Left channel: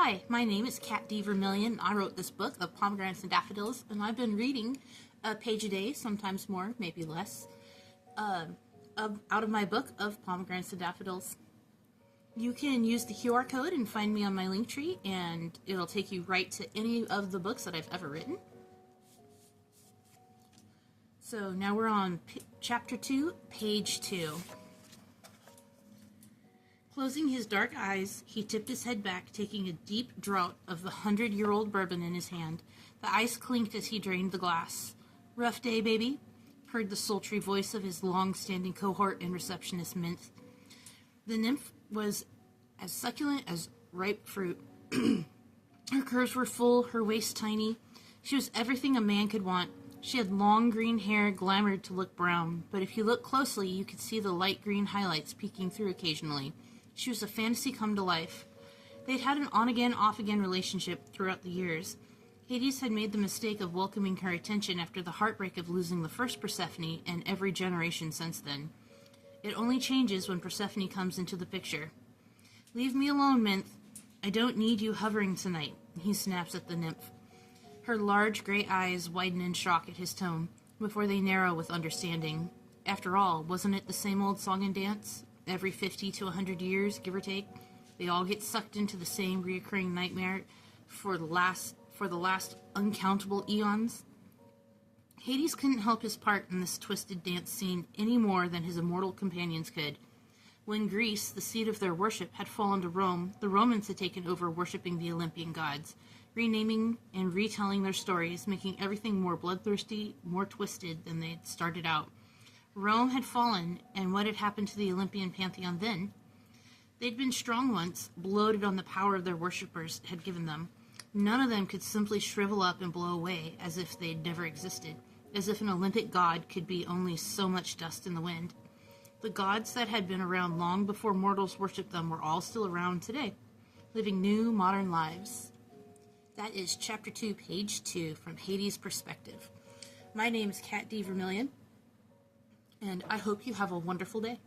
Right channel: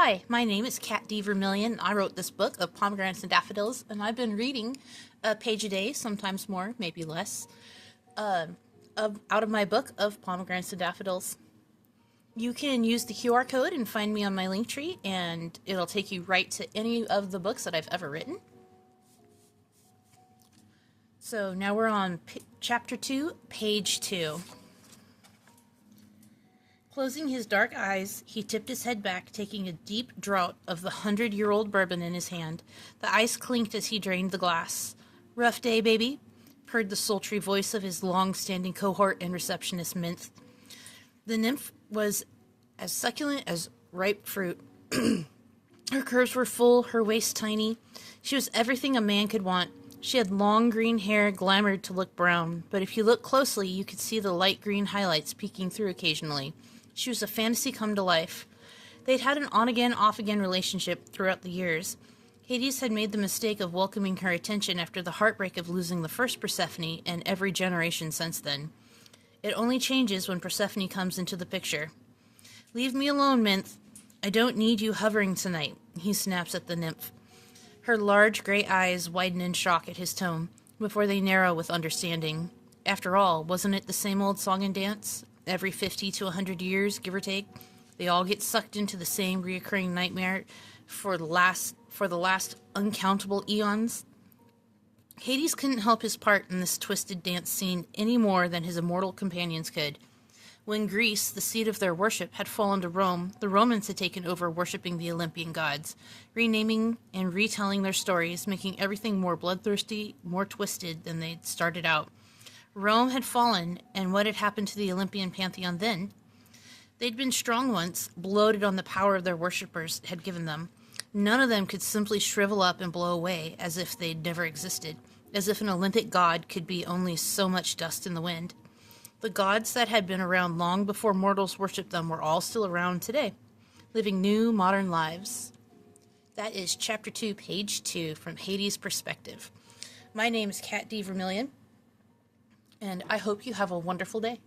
Hi, my name is Kat D. Vermillion. I wrote this book of Pomegranates and Daffodils, and I've been reading a page a day, sometimes more, maybe less, out of my book of Pomegranates and Daffodils. You can use the QR code and find me on my Linktree, and it'll take you right to any of the books that I've ever written. So now we're on Chapter 2, Page 2. Closing his dark eyes, he tipped his head back, taking a deep draught of the 100-year-old bourbon in his hand. The ice clinked as he drained the glass. "Rough day, baby?" purred the sultry voice of his long-standing cohort and receptionist, Minth. The nymph was as succulent as ripe fruit. Her curves were full, her waist tiny. She was everything a man could want. She had long green hair, glamoured to look brown, but if you looked closely, you could see the light green highlights peeking through occasionally. She was a fantasy come to life. They'd had an on-again, off-again relationship throughout the years. Hades had made the mistake of welcoming her attention after the heartbreak of losing the first Persephone and every generation since then. It only changes when Persephone comes into the picture. "Leave me alone, Minth. I don't need you hovering tonight," he snaps at the nymph. Her large gray eyes widen in shock at his tone, before they narrow with understanding. After all, wasn't it the same old song and dance? Every 50 to 100 years, give or take, they all get sucked into the same reoccurring nightmare for the last uncountable eons. Hades couldn't help his part in this twisted dance scene any more than his immortal companions could. When Greece, the seat of their worship, had fallen to Rome, the Romans had taken over worshipping the Olympian gods, renaming and retelling their stories, making everything more bloodthirsty, more twisted than they'd started out. Rome had fallen, and what had happened to the Olympian pantheon then? They'd been strong once, bloated on the power of their worshippers had given them. None of them could simply shrivel up and blow away as if they'd never existed, as if an Olympic god could be only so much dust in the wind. The gods that had been around long before mortals worshipped them were all still around today, living new, modern lives. That is Chapter 2, Page 2, from Hades' perspective. My name is Kat D. Vermillion, and I hope you have a wonderful day.